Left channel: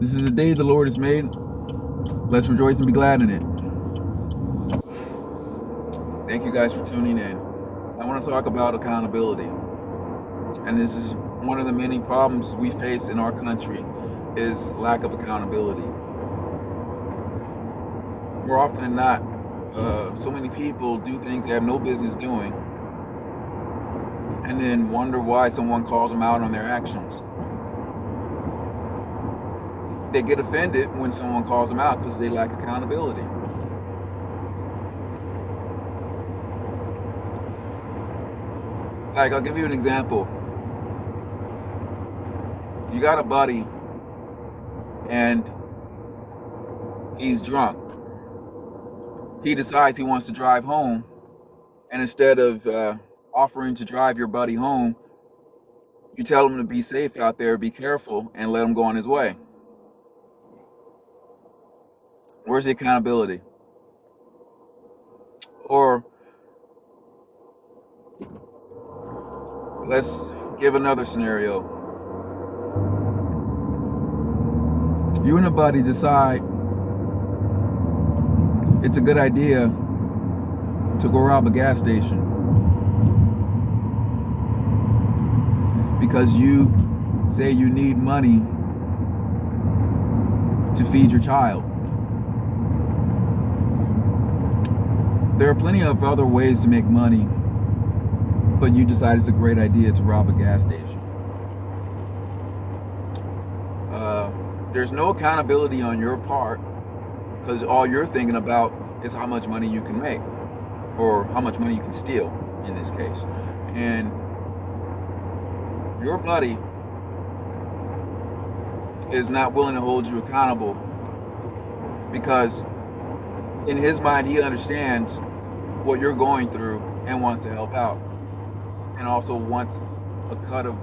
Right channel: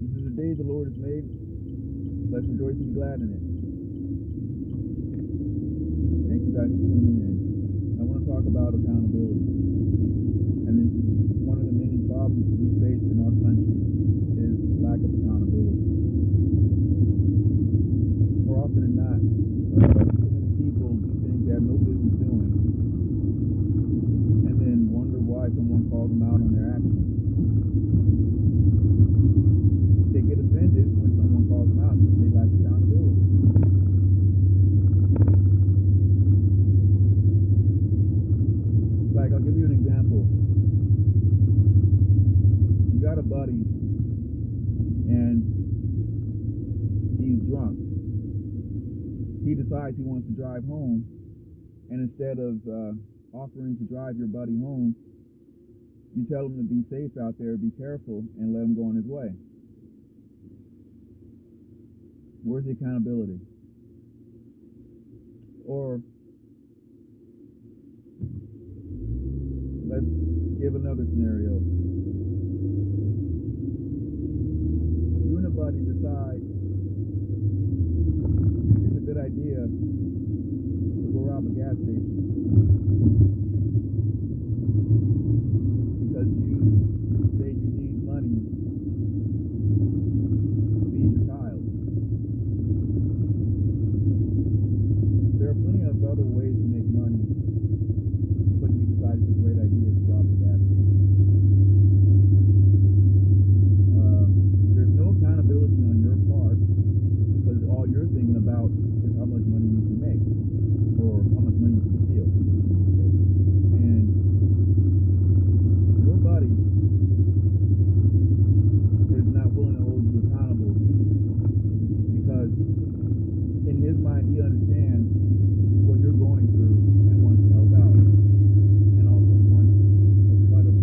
This is a day the Lord has made. Let's rejoice and be glad in it. Thank you guys for tuning in. I want to talk about accountability. And this is one of the many problems we face in our country is lack of accountability. More often than not, so many people do things they have no business doing and then wonder why someone calls them out on their actions. They get offended when someone calls them out because they lack accountability. Like, I'll give you an example. You got a buddy and he's drunk. He decides he wants to drive home, and instead of offering to drive your buddy home, you tell him to be safe out there, be careful, and let him go on his way. Where's the accountability? Or let's give another scenario. You and a buddy decide it's a good idea to go rob a gas station because you say you need money to feed your child. There are plenty of other ways to make money, but you decide it's a great idea to rob a gas station. There's no accountability on your part because all you're thinking about is how much money you can make or how much money you can steal in this case. And your buddy is not willing to hold you accountable because in his mind he understands what you're going through and wants to help out and also wants a cut of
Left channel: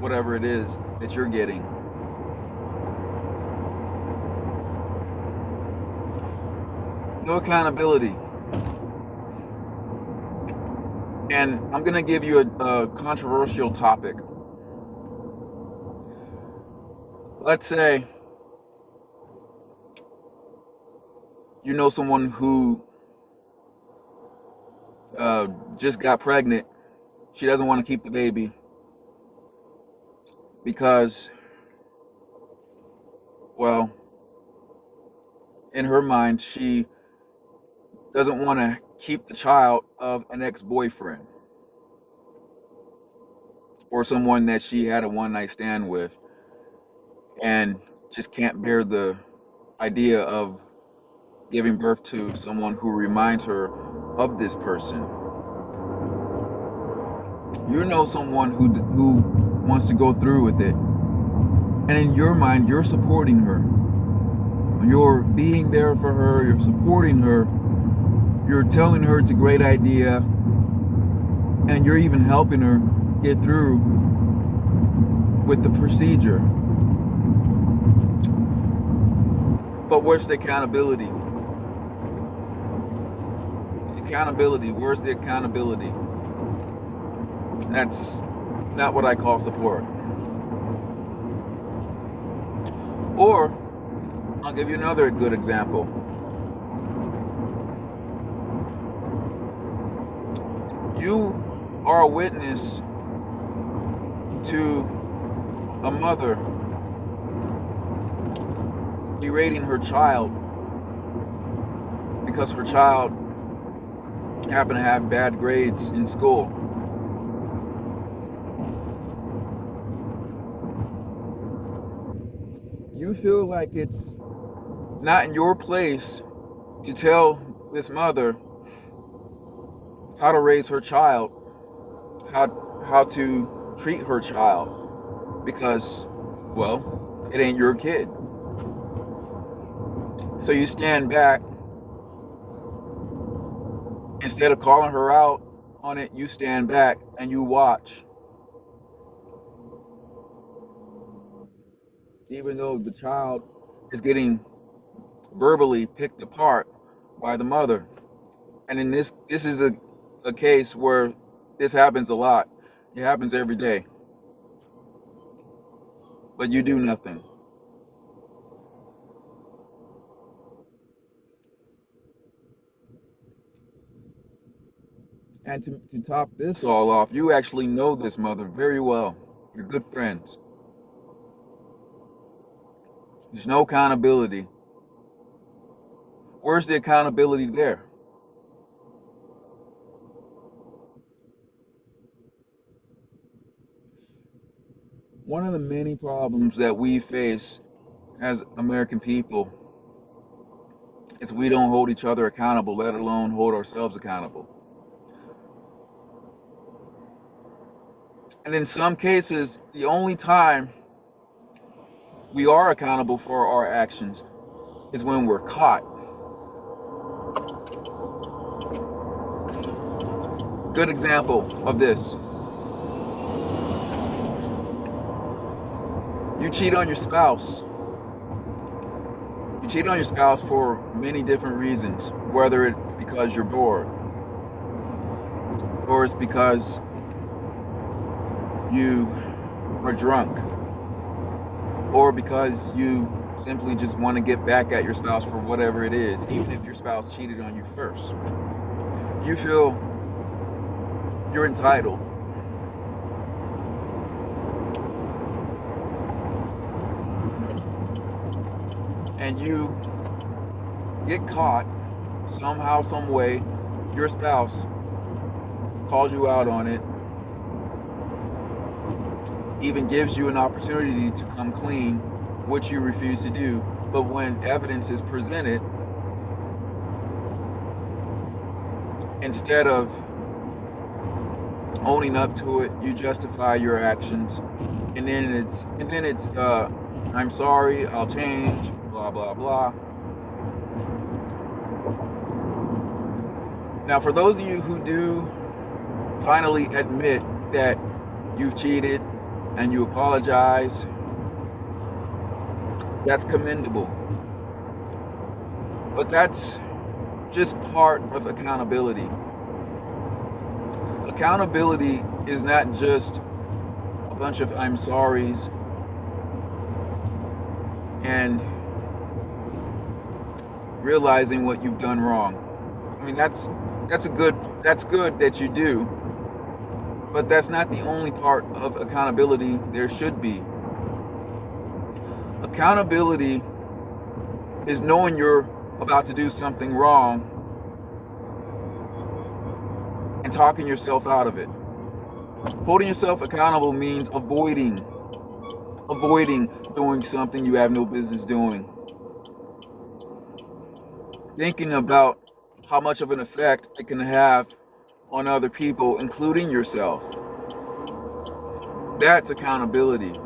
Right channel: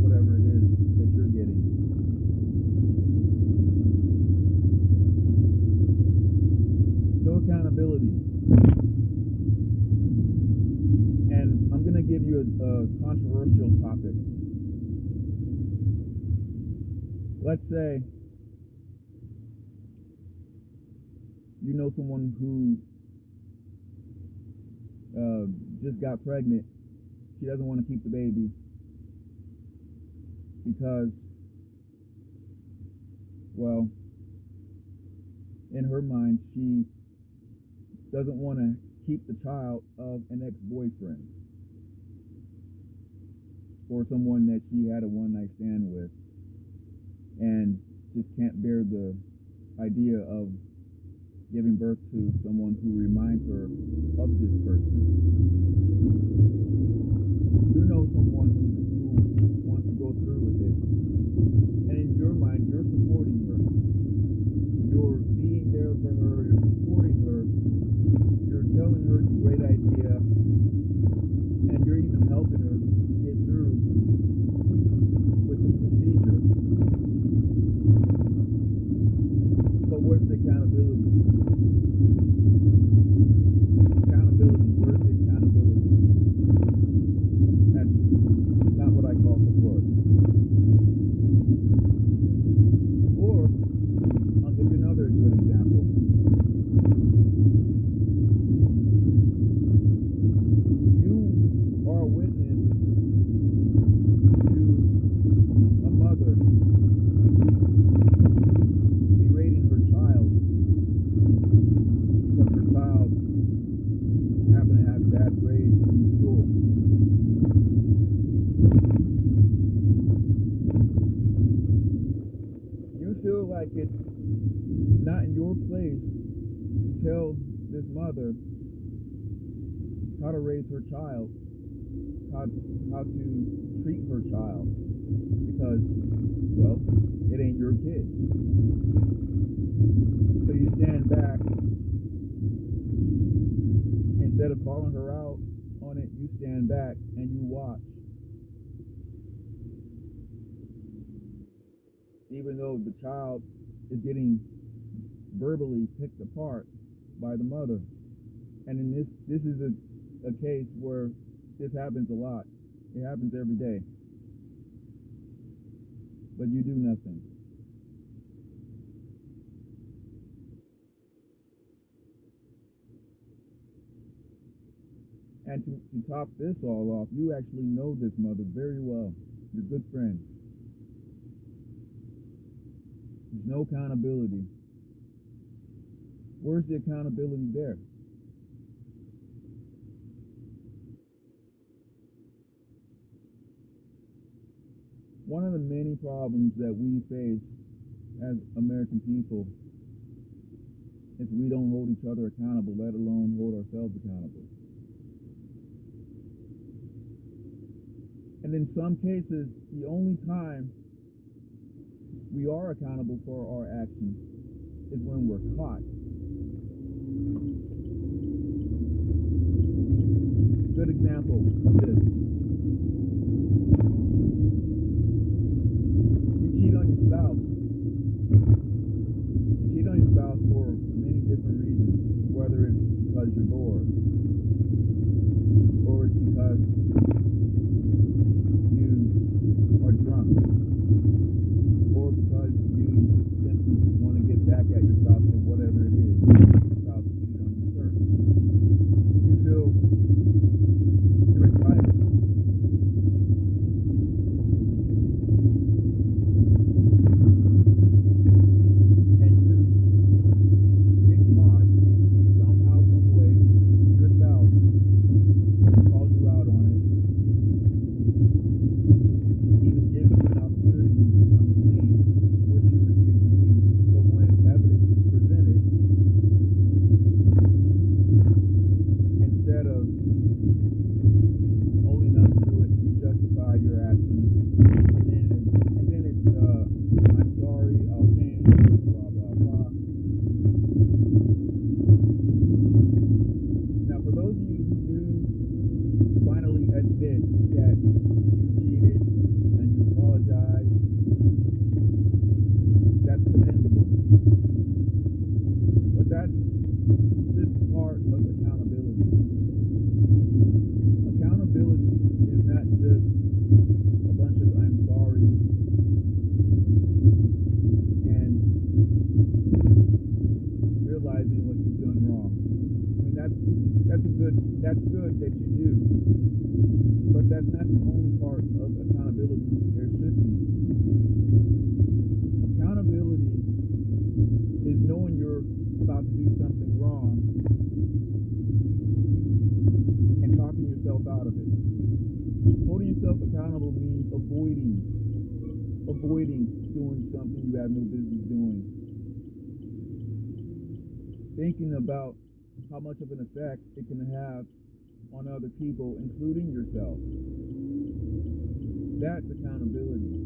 whatever it is that you're getting. No accountability. And I'm going to give you a controversial topic. Let's say you know someone who just got pregnant. She doesn't want to keep the baby because, well, in her mind, she doesn't want to keep the child of an ex-boyfriend or someone that she had a one-night stand with and just can't bear the idea of giving birth to someone who reminds her of this person. You know someone who wants to go through with it, and in your mind you're supporting her, you're being there for her, you're supporting her, you're telling her it's a great idea, and you're even helping her get through with the procedure. But where's the accountability? Where's the accountability? That's not what I call support. Or, I'll give you another good example. You are a witness to a mother berating her child because her child happened to have bad grades in school. You feel like it's not in your place to tell this mother how to raise her child, how to treat her child, because, well, it ain't your kid. So you stand back. Instead of calling her out on it, you stand back and you watch. Even though the child is getting verbally picked apart by the mother. And in this is a case where this happens a lot. It happens every day. But you do nothing. And to top this all off, you actually know this mother very well. You're good friends. There's no accountability. Where's the accountability there? One of the many problems that we face as American people is we don't hold each other accountable, let alone hold ourselves accountable. And in some cases, the only time we are accountable for our actions is when we're caught. Good example of this. You cheat on your spouse. You cheat on your spouse for many different reasons, whether it's because you're bored, or it's because you are drunk, or because you simply just want to get back at your spouse for whatever it is, even if your spouse cheated on you first. You feel you're entitled. And you get caught somehow, some way. Your spouse calls you out on it, even gives you an opportunity to come clean, which you refuse to do. But when evidence is presented, instead of owning up to it, you justify your actions, and then it's I'm sorry, I'll change, blah blah blah. Now, for those of you who do finally admit that you've cheated and you apologize, that's commendable. But that's just part of accountability. Accountability is not just a bunch of I'm sorries and realizing what you've done wrong. I mean, that's good that you do, but that's not the only part of accountability there should be. Accountability is knowing you're about to do something wrong and talking yourself out of it. Holding yourself accountable means avoiding doing something you have no business doing. Thinking about how much of an effect it can have on other people, including yourself. That's accountability.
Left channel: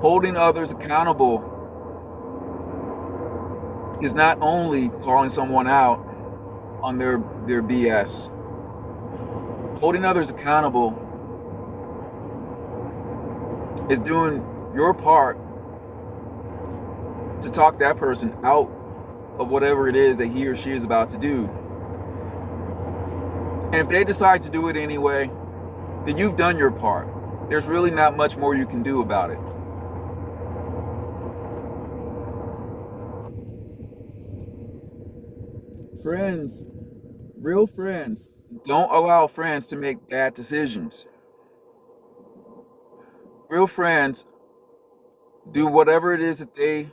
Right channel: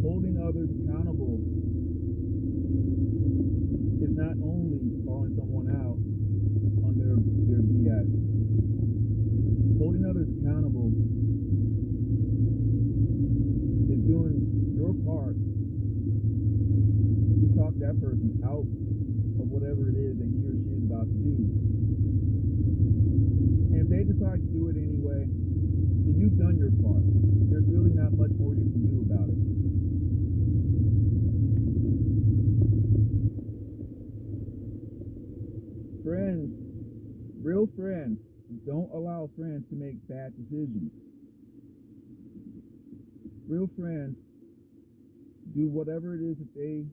Holding others accountable is not only calling someone out on their BS. Holding others accountable is doing your part to talk that person out of whatever it is that he or she is about to do. And if they decide to do it anyway, then you've done your part. There's really not much more you can do about it. Friends, real friends, don't allow friends to make bad decisions. Real friends do whatever it is that they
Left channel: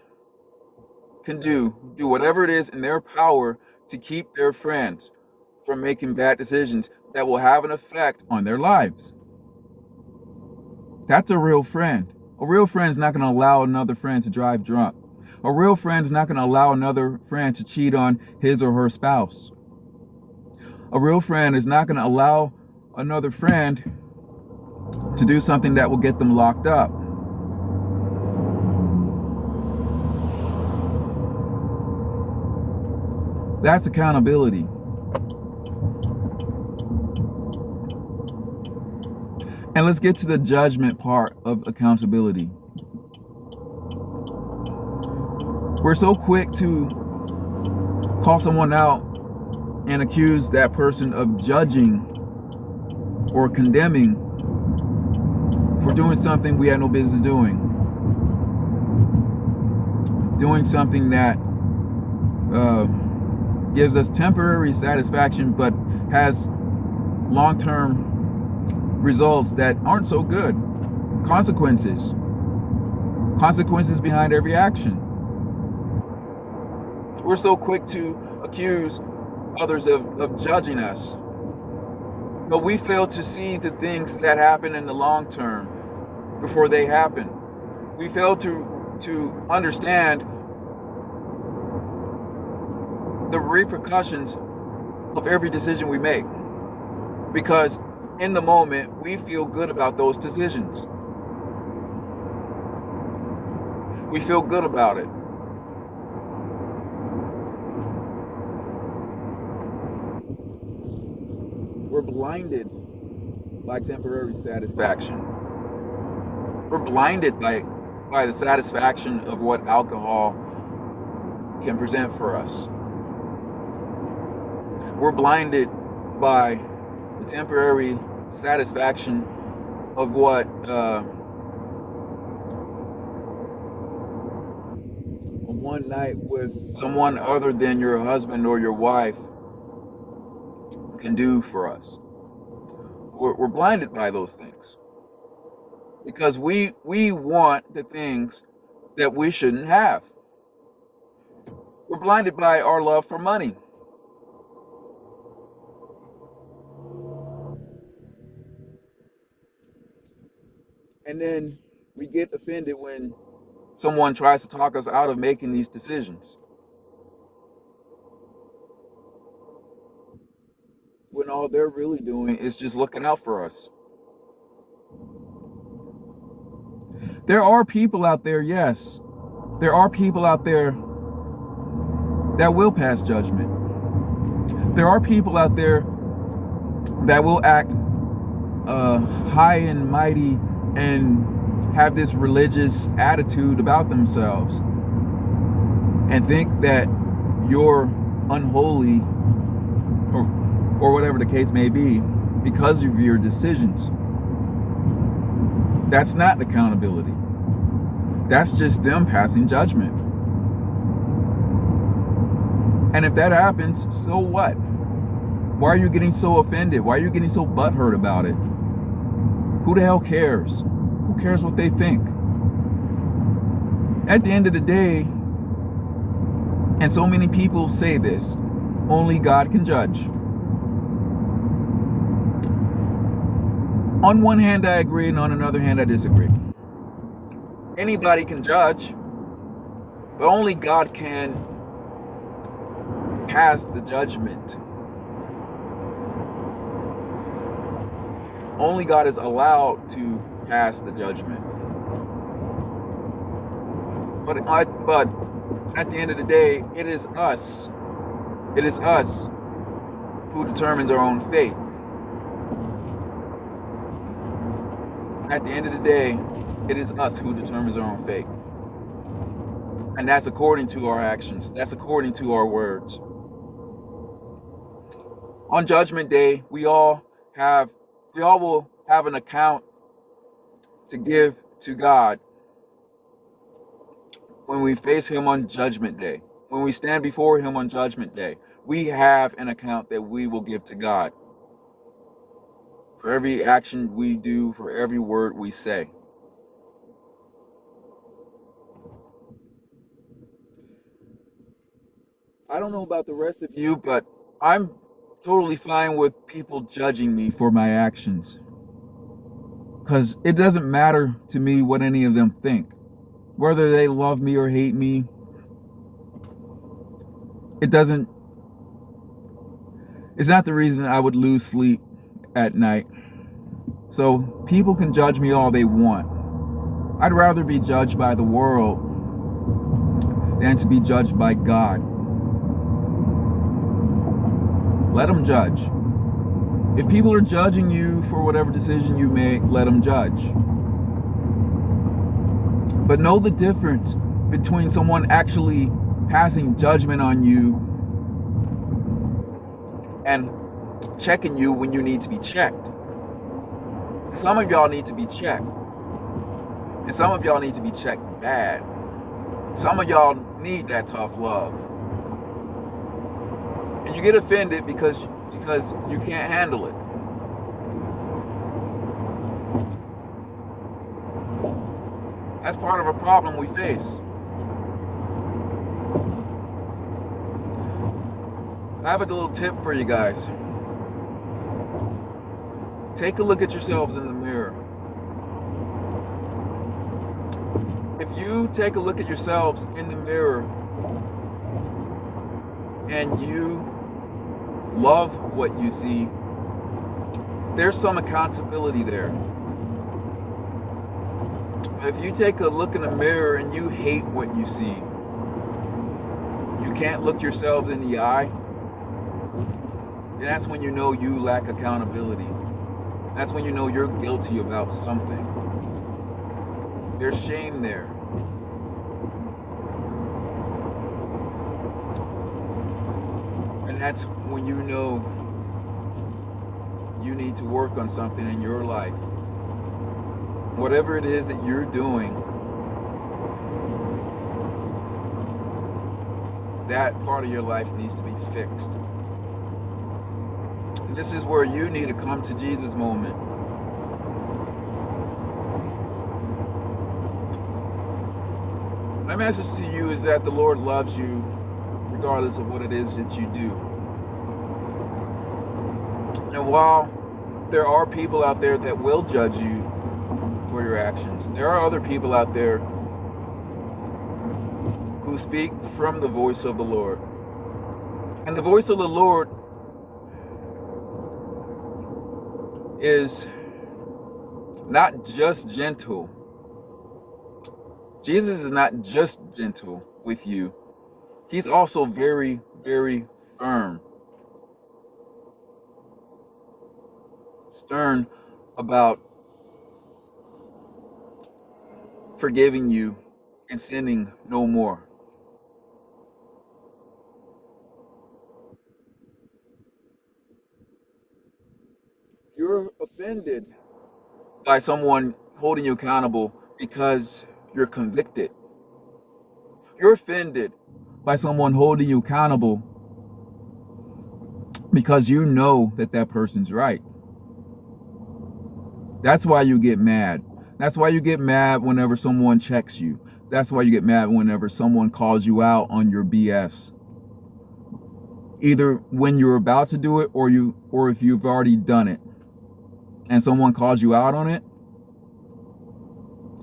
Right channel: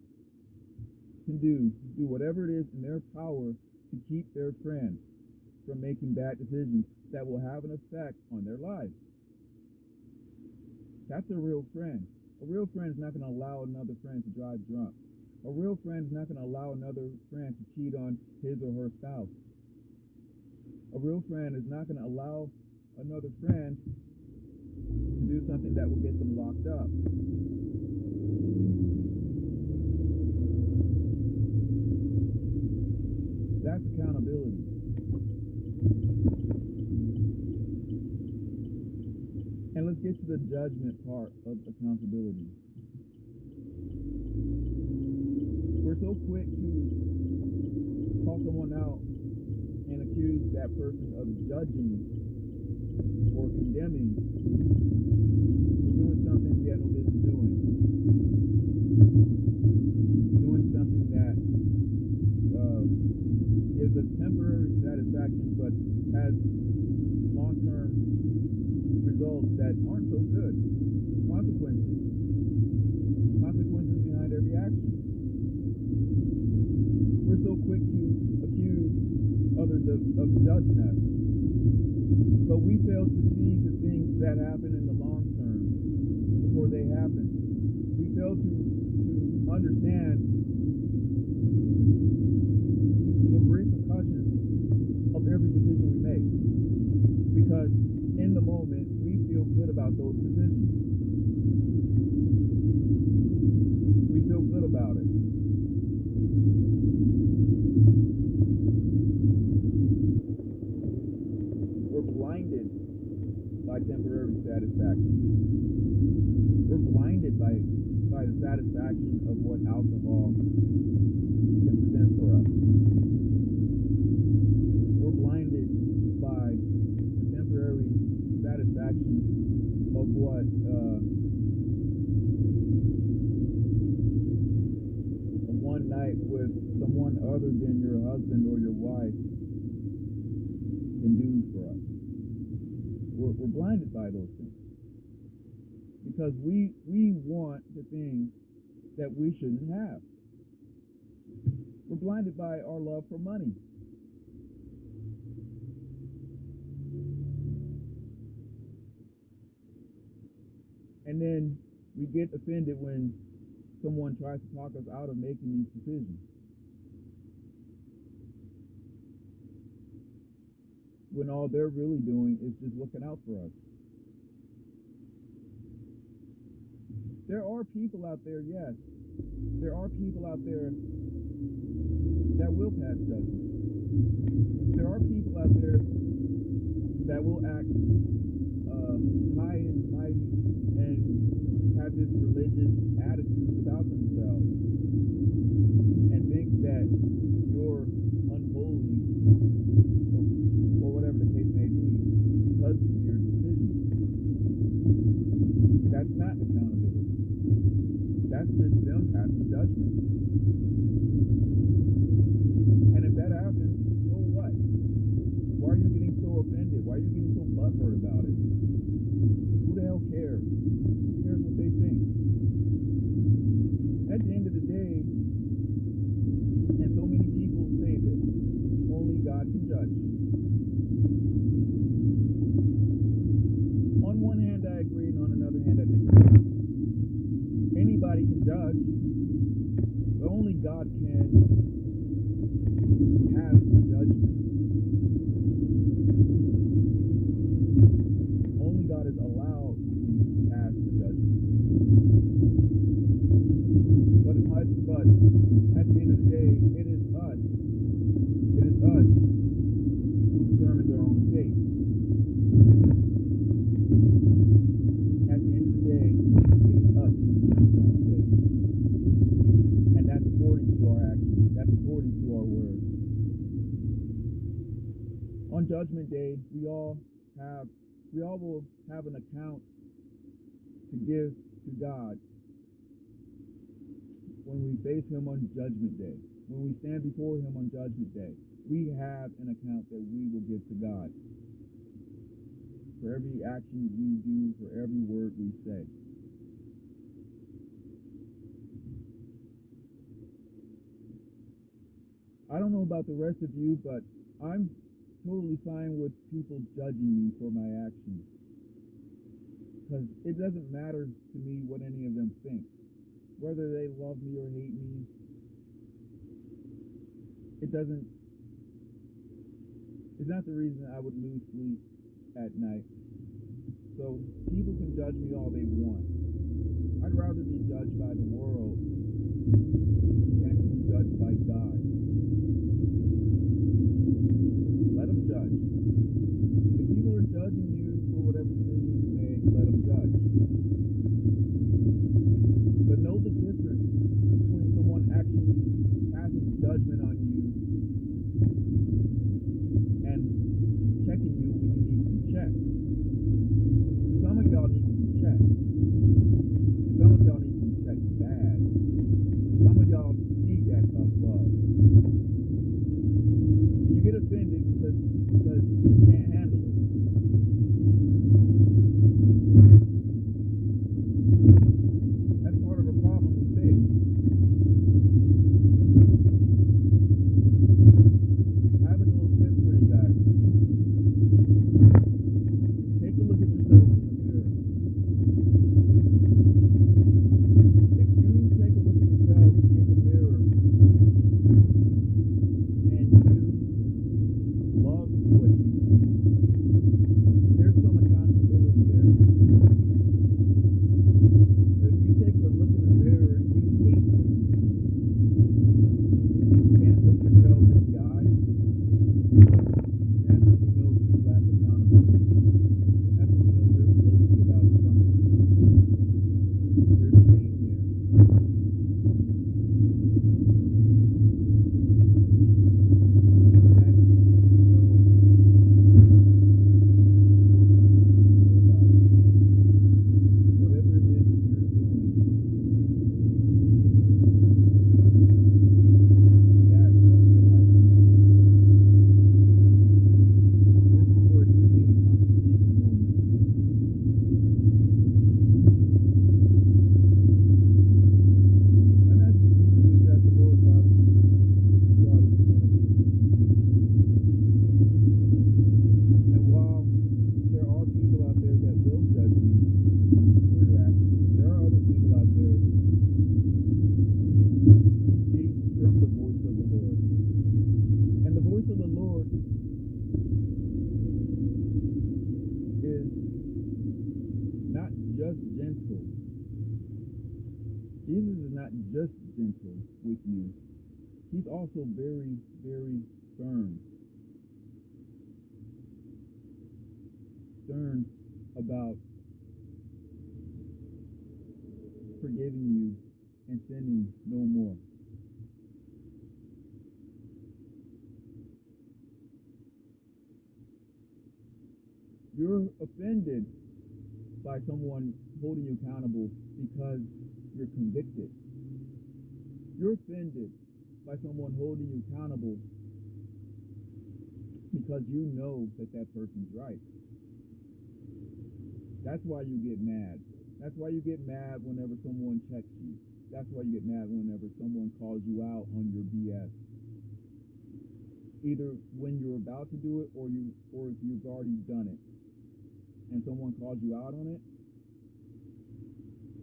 can do whatever it is in their power to keep their friends from making bad decisions that will have an effect on their lives. That's a real friend. A real friend is not going to allow another friend to drive drunk. A real friend is not going to allow another friend to cheat on his or her spouse. A real friend is not going to allow another friend to do something that will get them locked up. That's accountability. And let's get to the judgment part of accountability. We're so quick to call someone out and accuse that person of judging or condemning for doing something we had no business doing. Doing something that gives us temporary satisfaction, but has long-term results that aren't so good. Consequences behind every action. We're so quick to accuse others of judging us, but we fail to see the things that happen in the long term before they happen. We fail to understand the repercussions of every decision we make, because in the moment we feel good about those decisions. We feel good about it. We're blinded by temporary satisfaction. We're blinded by the satisfaction of what alcohol can present for us. We're blinded by the temporary satisfaction of what one night with someone other than your husband or your wife can do for us. We're blinded by those things because we want the things that we shouldn't have. We're blinded by our love for money. And then we get offended when someone tries to talk us out of making these decisions, when all they're really doing is just looking out for us. There are people out there, yes. There are people out there that will pass judgment. There are people out there that will act high and mighty and have this religious attitude about themselves and think that you're unholy or whatever the case may be because of your decisions. That's not accountability. That's just them passing judgment. And if that happens, so what? Why are you getting so offended? Why are you getting so butthurt about it? Who the hell cares? Who cares what they think? At the end of the day, and so many people say this, only God can judge. On one hand, I agree, and on another hand, I disagree. Anybody can judge, but only God can pass the judgment. Only God is allowed to pass the judgment. But at the end of the day, it is us. It is us who determines our own fate. At the end of the day, it is us who determines our own fate. And that's according to our actions. That's according to our words. On Judgment Day, we all will have an account to give to God when we face Him on Judgment Day. When we stand before Him on Judgment Day, we have an account that we will give to God for every action we do, for every word we say. I don't know about the rest of you, but I'm totally fine with people judging me for my actions, because it doesn't matter to me what any of them think. Whether they love me or hate me, it's not the reason I would lose sleep at night. So people can judge me all they want. I'd rather be judged by the world than to be judged by God. Let them judge. If people are judging you for whatever decision you make, let them judge. But know the difference between someone actually passing judgment on you and checking you when you need to be checked. Some of y'all need to be checked. And some of y'all need to be checked bad. Some of y'all need that tough love. And you get offended because you can't handle it. That's part of a problem we face. I have a little tip for you guys. Take a look at yourselves in the mirror. If you take a look at yourselves in the mirror and you love what you see, there's some accountability there. If you take a look in the mirror and you hate what you see, you can't look yourselves in the eye, that's when you know you lack accountability. That's when you know you're guilty about something. There's shame there. And that's when you know you need to work on something in your life. Whatever it is that you're doing, that part of your life needs to be fixed. This is where you need to come to Jesus moment. My message to you is that the Lord loves you regardless of what it is that you do. And while there are people out there that will judge you for your actions, there are other people out there who speak from the voice of the Lord. And the voice of the Lord is not just gentle. Jesus is not just gentle with you. He's also very, very firm. Stern about forgiving you and sinning no more. You're offended by someone holding you accountable because you're convicted. You're offended by someone holding you accountable because you know that that person's right. That's why you get mad. That's why you get mad whenever someone checks you. That's why you get mad whenever someone calls you out on your BS. Either when you're about to do it or if you've already done it and someone calls you out on it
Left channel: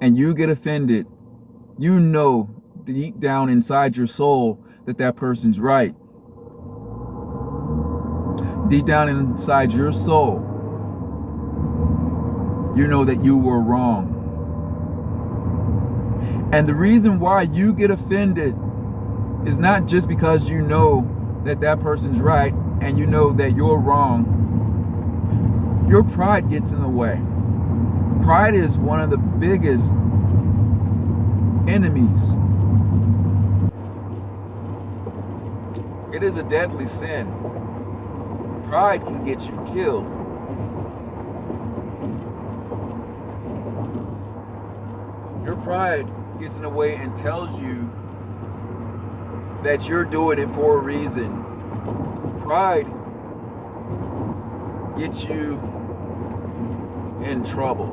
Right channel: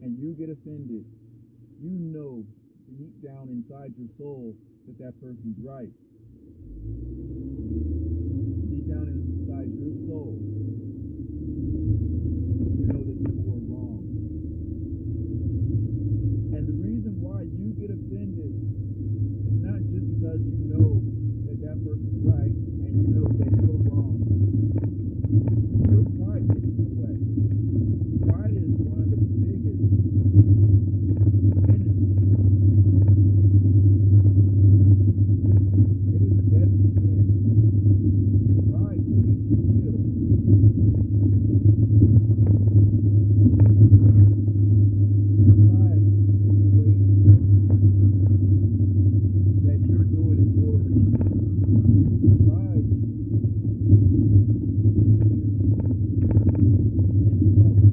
and you get offended, you know deep down inside your soul that that person's right. Deep down inside your soul, you know that you were wrong. And the reason why you get offended is not just because you know that that person's right and you know that you're wrong. Your pride gets in the way. Pride is one of the biggest enemies. It is a deadly sin. Pride can get you killed. Your pride gets in the way and tells you that you're doing it for a reason. Pride gets you in trouble.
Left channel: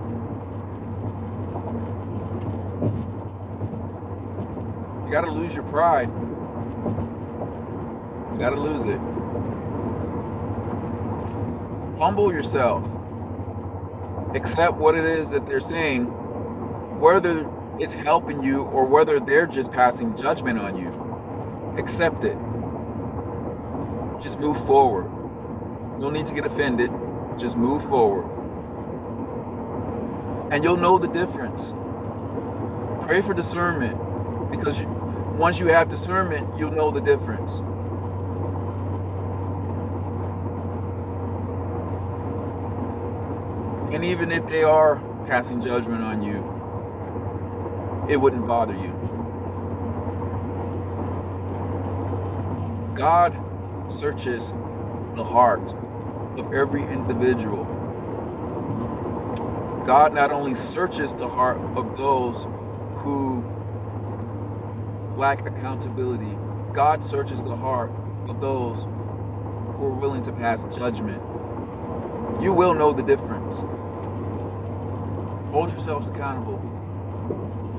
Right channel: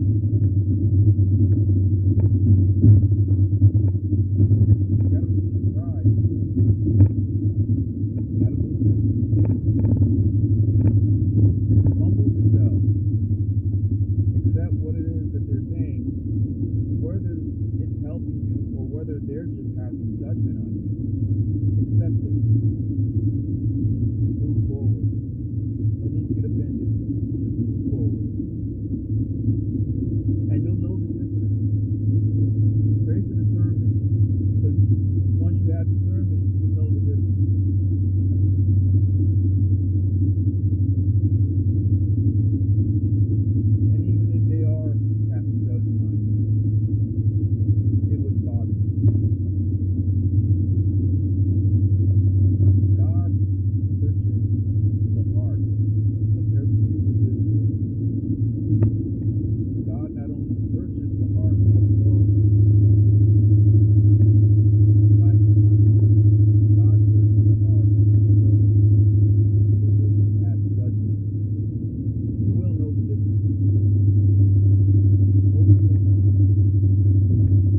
You gotta lose your pride. You gotta lose it. Humble yourself. Accept what it is that they're saying, whether it's helping you or whether they're just passing judgment on you. Accept it. Just move forward. No need to get offended. Just move forward. And you'll know the difference. Pray for discernment, because once you have discernment, you'll know the difference. And even if they are passing judgment on you, it wouldn't bother you. God searches the heart of every individual. God not only searches the heart of those who lack accountability, God searches the heart of those willing to pass judgment, you will know the difference. Hold yourselves accountable.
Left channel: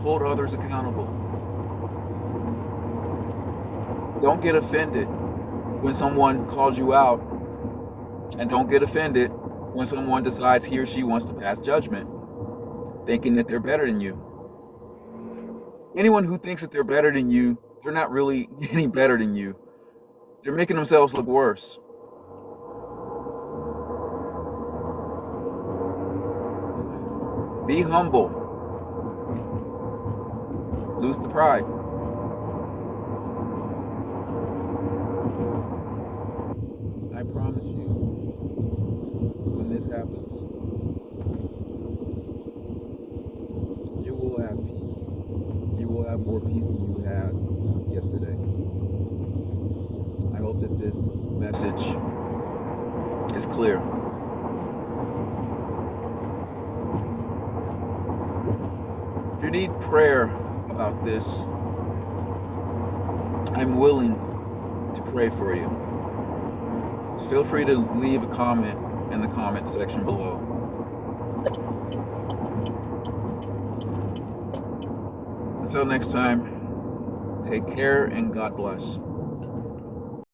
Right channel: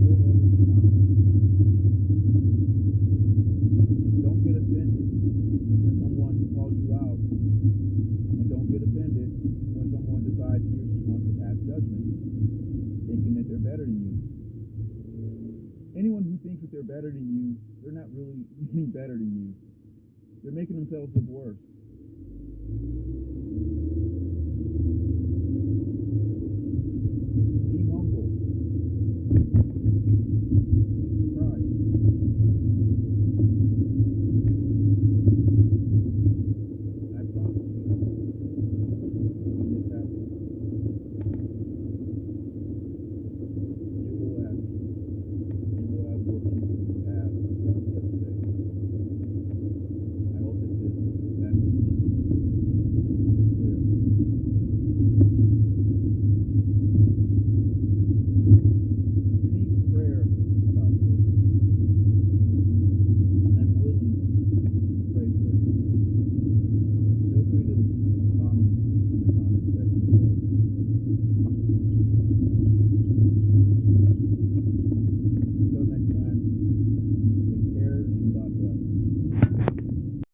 Hold others accountable. Don't get offended when someone calls you out, and don't get offended when someone decides he or she wants to pass judgment, thinking that they're better than you. Anyone who thinks that they're better than you, they're not really any better than you. They're making themselves look worse. Be humble. Lose the pride. I promise you, when this happens, you will have peace. You will have more peace than you had yesterday. I hope that this message is clear. If you need prayer about this, I'm willing to pray for you. Just feel free to leave a comment in the comment section below. Until next time, take care and God bless.